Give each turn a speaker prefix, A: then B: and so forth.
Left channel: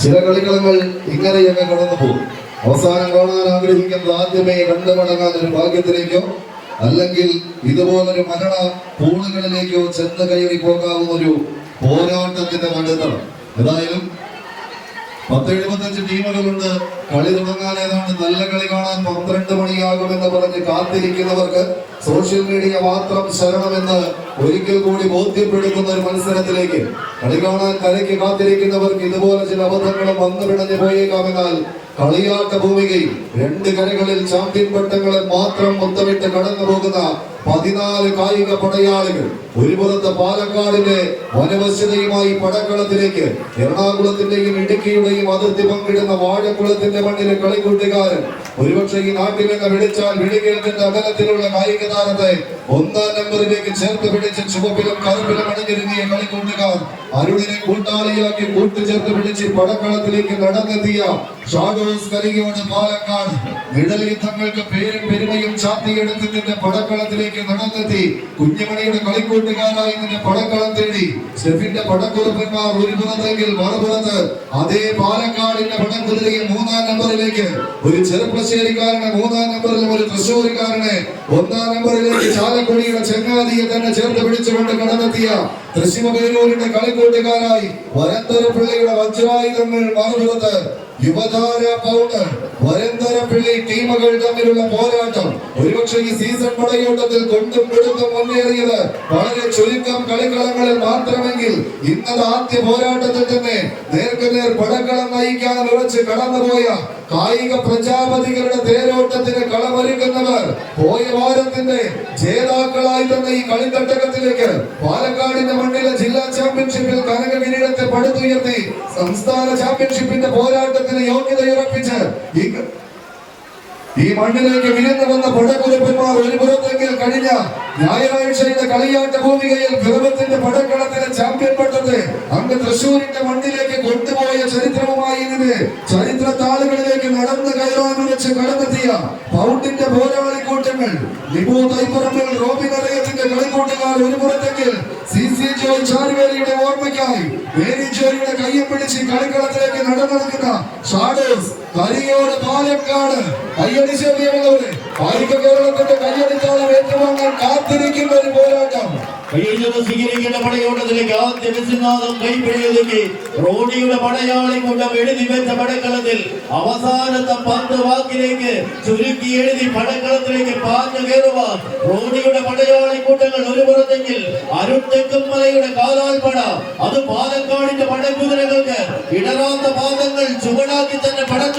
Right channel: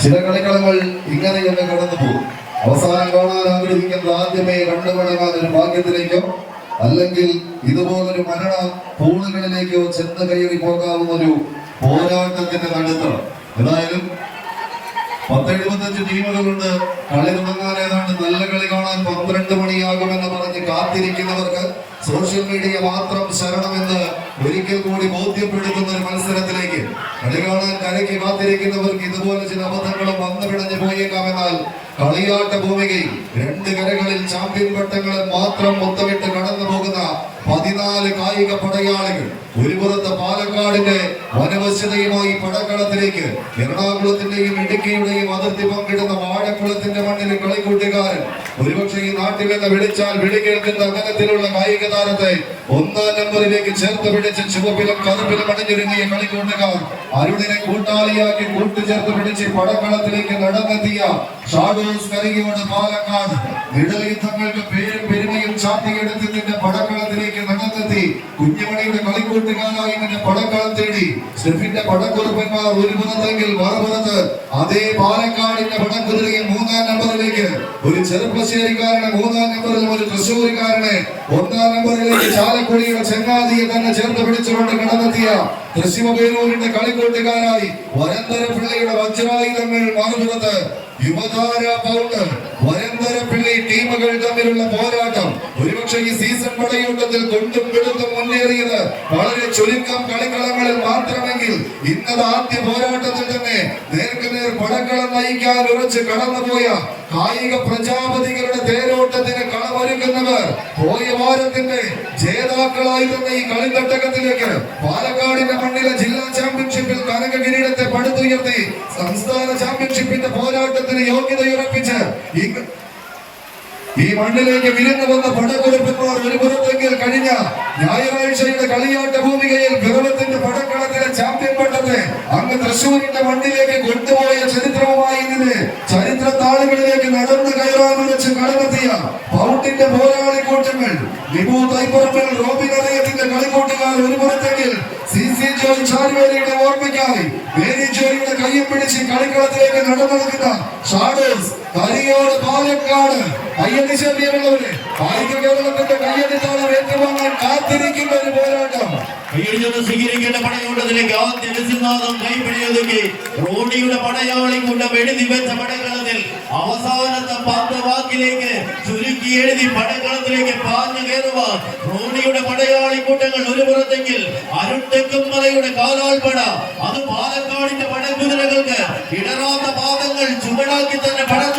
A: ചില കളിക്കളങ്ങൾ ഇങ്ങനെയൊക്കെ കടന്നു പോകും. അവസാനം കാണാൻ ആഗ്രഹിക്കുന്നത് ആദ്യമേ കണ്ടുമടങ്ങാൻ ഒരു ഭാഗ്യത്തിലേക്കോ അല്ലെങ്കിൽ ഇതുപോലൊരു മരണ പൂളുകളിലേക്കോ ചെന്ന് കയറി പോകാവുന്ന ഒരു പോരാട്ടത്തിന്റെ നടുത്തണം ഏതായാലും പത്തെഴുപത്തഞ്ച് ടീമുകളുണ്ട്. കളി തുടങ്ങാൻ നല്ല കളി കാണാൻ പന്ത്രണ്ട് മണിയാകുമെന്ന് പറഞ്ഞ് കാത്തിരിക്കുന്നവർക്ക് സോഷ്യൽ മീഡിയ മാത്രം ശരണമെന്ന് ഒരിക്കൽ കൂടി ബോധ്യപ്പെടുത്തുന്ന ഒരു മത്സരത്തിലേക്ക് കളി കാണാൻ കരയ്ക്ക് കാത്തിരിക്കുന്നവർക്ക് ഇതുപോലെ ചില അബദ്ധങ്ങളും വന്നു പിടഞ്ഞു പോയേക്കാമെന്നാൽ കളിയാട്ട ഭൂമിയിൽ രണ്ട് കരകളിൽ ചാമ്പ്യൻ പട്ടങ്ങളെ മാത്രം മുത്തമിട്ട് കടന്നു പോകുന്ന പതിനാല് കായിക പടയാളികൾ. ഒരു പുറത്ത് പാലക്കാടിന്റെ വനവശ്യതയുമായി പടക്കളത്തിലേക്ക് എറണാകുളത്തിന്റെയും ഇടുക്കിയുടെയും അതിർത്തി പങ്കിടുന്ന വാഴക്കുളത്തിന്റെ മണ്ണിലെ കളിക്കൂട്ടുകാരൻ. ഒരുപക്ഷെ ഈ നാട്ടിൽ നിന്ന് വിളിച്ചാൽ വിളി കേൾക്കുന്ന അകലത്തിലുള്ള കായിക താരത്തെ ഒന്നാം നമ്പറിലേക്ക് ചേർത്ത് പിടിച്ച് ചുവപ്പിലും കറുപ്പിലും അണിഞ്ഞിരുങ്ങിയ കളിക്കൂട്ടുകാർ. അരുണിനെ കൂട്ടാളിയാക്കി കൂട്ടുചേർത്ത് പിടിച്ച് പടക്കളത്തിലേക്ക് നടന്നെത്തിയ ഷാഡോസ് കരികോട് പാലക്കാട്. നിഴലയുദ്ധങ്ങൾക്ക് പേരും പെരുമയും ചാത്തിയെടുത്തതിന്റെ പടക്കളത്തിലേക്ക് നടന്നെത്തി. കുഞ്ഞുമണിയുടെ കളിക്കൂട്ടുകാരായി ഇതിന്റെ പടക്കളം തേടി. സെഫിന്റെ പടക്കുറുപ്പന്മാർ ഒരു പുറത്തെങ്കിൽ മറുപുറത്ത് അതേ പാലക്കാടിന്റെ പടക്കുതിരയിൽ മൂന്നാം നമ്പറിലേക്ക്. ഒരു ചെറുപ്പശ്ശേരിക്കാരനെ മൂന്നാം നമ്പറിലും ഒരു തൃശ്ശൂരിക്കാരനെ ഒന്നാം നമ്പറിലേക്ക് ചാലക്കുടിയുടെ ചെങ്ങാതിയെ തന്നെ ചേർത്ത് പിടിച്ചുകൊണ്ട് കടന്നെത്തിയ തൃശ്ശിമ പേരൂരിന്റെ കളിക്കൂട്ടുകാരായി വരന്തര പിള്ളയുടെ വജ്രായുധങ്ങൾ മറുപുറത്ത് യുവതാര പൗഡർ വരന്തര പിള്ളി ടീമുകൾ തമ്മിലുള്ള പോരാട്ടം. ഒരുപക്ഷെ ഈ സീസൺ പടയോട്ടത്തിൽ കൊണ്ടും പിടുത്തും മുന്നേറിയത് വളരെ ചുരുക്കം കളിക്കളങ്ങളിൽ മാത്രമെങ്കിൽ ഇന്നത്തെ ആദ്യ പോരാട്ടത്തിൽ തന്നെ നേർക്കുനേർ പടക്കളം നയിക്കാൻ ഉറച്ച് കടന്നുപോയ കായിക പ്രജാപതികളുടെ തേരോട്ടത്തിന് കളമൊരുക്കുന്നവർ പോയ വാരത്തിന്റെ ജേതാക്കളായി തന്നെ ഈ കളിത്തട്ടകത്തിലേക്ക് പാലക്കാടിന്റെ മണ്ണിലെ ചാമ്പ്യൻഷിപ്പിന്റെ പോരാട്ടത്തിന് യോഗ്യതയുറപ്പിച്ച് ഈ മണ്ണിലേക്ക് വിരുന്നു വന്ന പടക്കുറിപ്പന്മാർ ഒരു പുറത്തേക്ക് കഴിഞ്ഞ ഞായറാഴ്ചയുടെ കളിയാട്ട ഭൂമികയിൽ ഗൗരവത്തിന്റെ പടക്കളത്തിലെ ചാമ്പ്യൻ പട്ടത്തെ അങ്ങ് തൃശ്ശൂരിന്റെ മണ്ണിലേക്ക് കൊണ്ടുപോയ ചരിത്രവുമായി ഇതിന് ചരിത്ര താളുകളിലേക്ക് നടന്നു കയറാൻ വെച്ച് കടന്നെത്തിയ പൗണ്ടിന്റെ പോരാളി കൂട്ടങ്ങൾ വിഭു തൈപ്പറമ്പിൽ റോബിൻ അലയത്തിന്റെ കളിക്കൂട്ടുകാർ ഒരു പുറത്തെങ്കിൽ സി സി ജോൺ ഓർമ്മയ്ക്കായി മേരിച്ചേരിയുടെ കയ്യും പിടിച്ച് കളിക്കളത്തിലേക്ക് നടന്നെടുക്കുന്ന ഷാഡേഴ്സ് കരിയോട് പാലക്കാട്. കയ്യടി ശല്യമുള്ളവര് കായിക കേരളത്തിന്റെ കയ്യടിത്താളം ഏറ്റുവാങ്ങാൻ കാത്തിരിക്കുന്ന ഒരു പോരാട്ടം.
B: സ്വീകരിക്കേണ്ട പടയോട്ടത്തിലേക്ക് വിശ്വനാഥം കൈപ്പിടിയൊതുക്കി റോഡിയുടെ പടയാളി കൂട്ടം എഴുതി വെച്ച പടക്കളത്തിൽ അവസാനത്തെ പത്ത് വാക്കിലേക്ക് ചുരുക്കി എഴുതി പടക്കളത്തിലേക്ക് പാഞ്ഞു കയറുവാൻ റോഡിയുടെ പടയാളി കൂട്ടങ്ങൾ ഒരു പുറത്തെങ്കിൽ കാലാൽ പട അത് പാലക്കാടിന്റെ പടക്കുതിരകൾക്ക് ഇടറാത്ത പാദങ്ങൾ ചുവടാക്കി തന്നെ പടക്കളത്തിൽ